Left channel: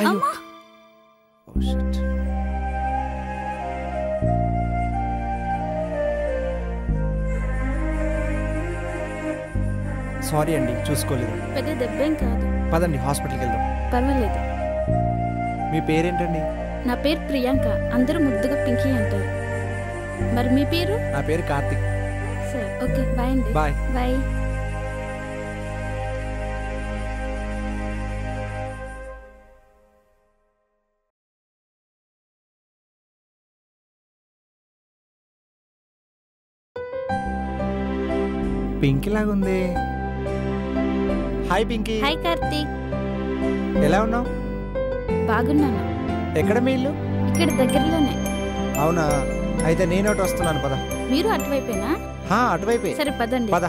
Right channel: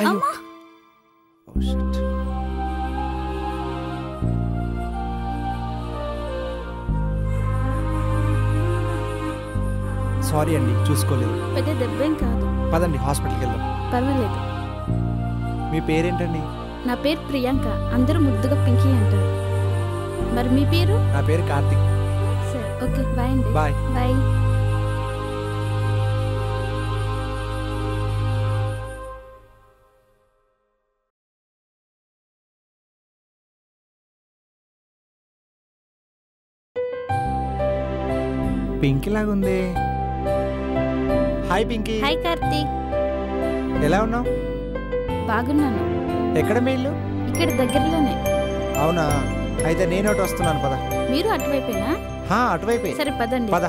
అయ్యో oh shit. Sorry అండి, చూసుకోలేదు. పెద్ద దెబ్బేం కాదు. పదండి హాస్పిటల్కి వెళ్దాం. పర్వాలేదు. మీ పేరేంటండి? నా పేరు ప్రియాంక, అందరూ ముద్దుగా పింకీ అంటారు. మరి మీ పేరు? నా పేరు కార్తిక్. సరే, ఓకే, బాయ్ అండి. బాయ్. బాయ్. పింకీ లాగుంది. హాయ్ పింకీ. హాయ్ కార్తీక్. ఎలా ఉన్నావు? బాగున్నాను. ఎక్కడ మీ ఇల్లు? ఇక్కడ దగ్గరలోనే. అవునా, అయితే నేను ఒకటి వస్తున్నాను, పద. మీరు అటువైపేనా? అటువైపే. సరే పదండి. పద.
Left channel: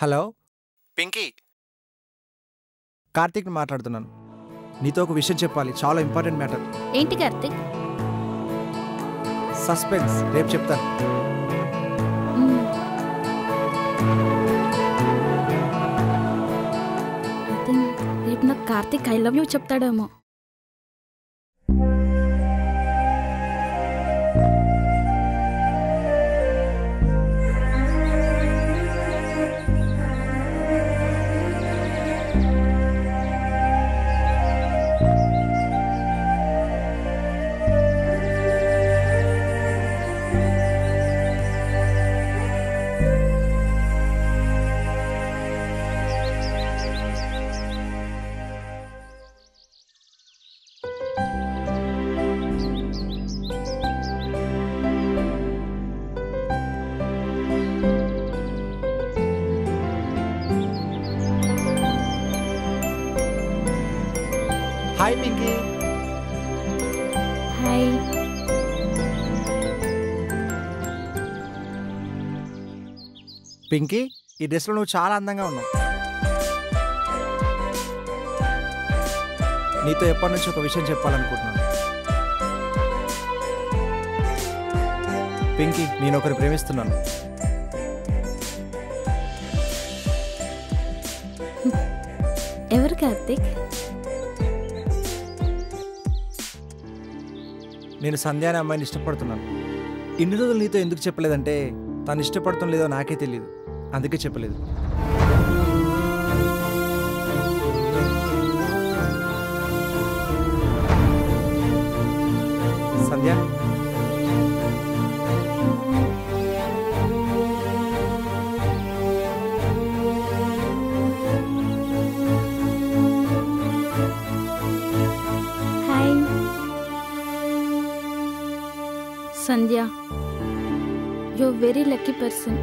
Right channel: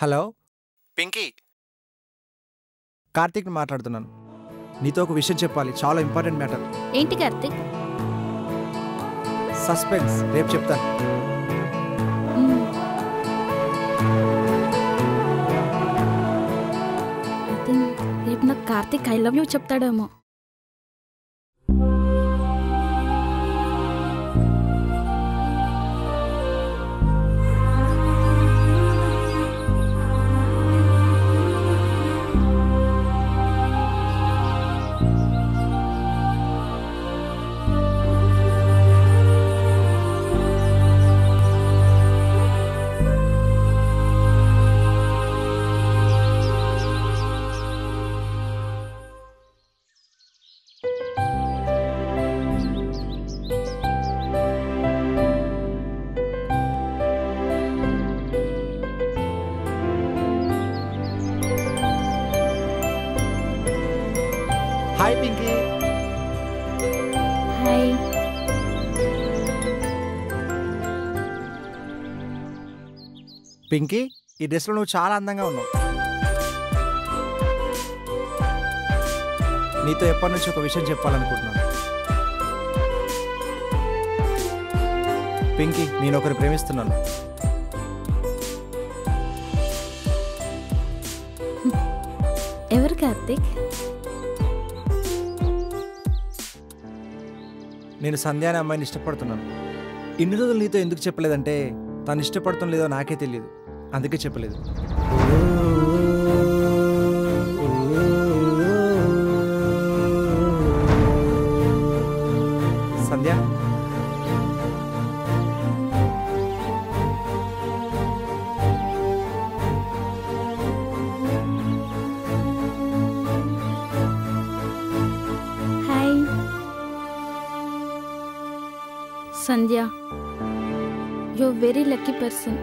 హలో పింకీ, కార్తీక్ని మాట్లాడుతున్నాను. నీతో ఒక విషయం చెప్పాలి, చాలా ఇంపార్టెంట్ మ్యాటర్. ఏంటి కార్తీక్? సస్పెన్స్, రేపు చెప్తాను. ఐ థింక్ రేపు నాకు కార్తీక్ ఐ లవ్ యూ చెప్తాడేమో. హాయ్ పింకీ. హాయ్. పింకీ, ఈ డ్రెస్లో నువ్వు చాలా అందంగా ఉన్నావు. నీతో ఎప్పటి నుంచి ఒక విషయం చెప్పాలనుకుంటున్నాను. పింకీ, నేను ఒకరిని ప్రేమిస్తున్నాను. ఎవరు కార్తీక్? నేను సంధ్య అనే అమ్మాయిని ఇష్టపడుతున్నాను. ఇన్ని రోజులు నీతో ఎందుకు చెప్పలేదంటే తను ఇష్టపడటం లేదో నాకే తెలియదు, అందుకే చెప్పలేదు. Sandhya, hi. Sandhya, you very lucky person.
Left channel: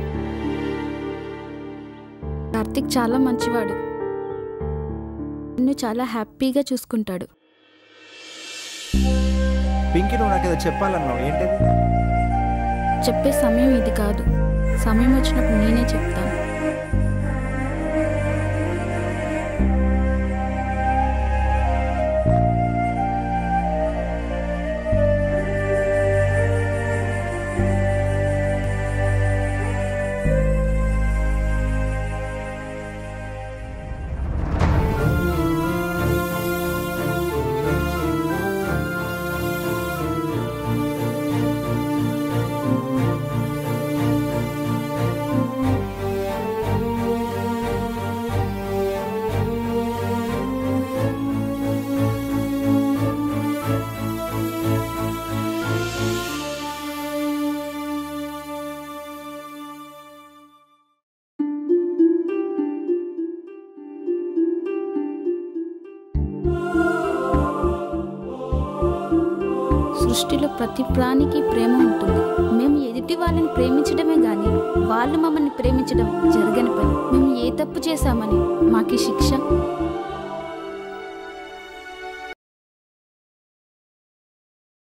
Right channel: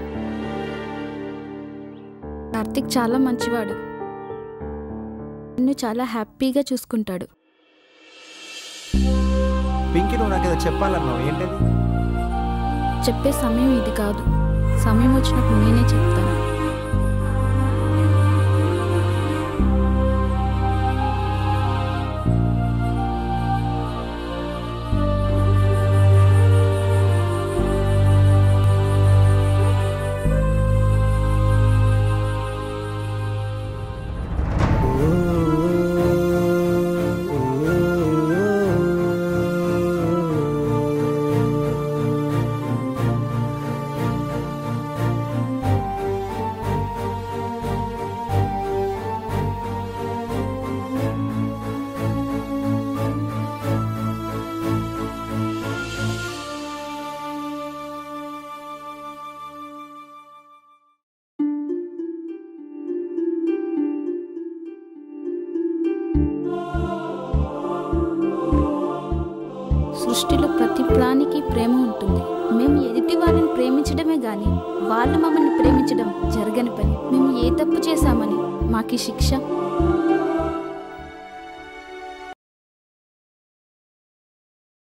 Karthik చాలా మంచివాడు, నిన్ను చాలా హ్యాపీగా చూసుకుంటాడు. పింకీ, నువ్వు నాకేదో చెప్పాలన్నావు, ఏంటది? చెప్పే సమయం ఇది కాదు, సమయం వచ్చినప్పుడు నేనే చెప్తాను. సృష్టిలో ప్రతి ప్రాణికి ప్రేమ ఉంటుంది. మేము ఎదుటి వాళ్ళని ప్రేమించడమే గాని వాళ్ళు మమ్మల్ని ప్రేమించడం జరగని పని. మేము ఏ తప్పు చేశామని మాకు శిక్ష?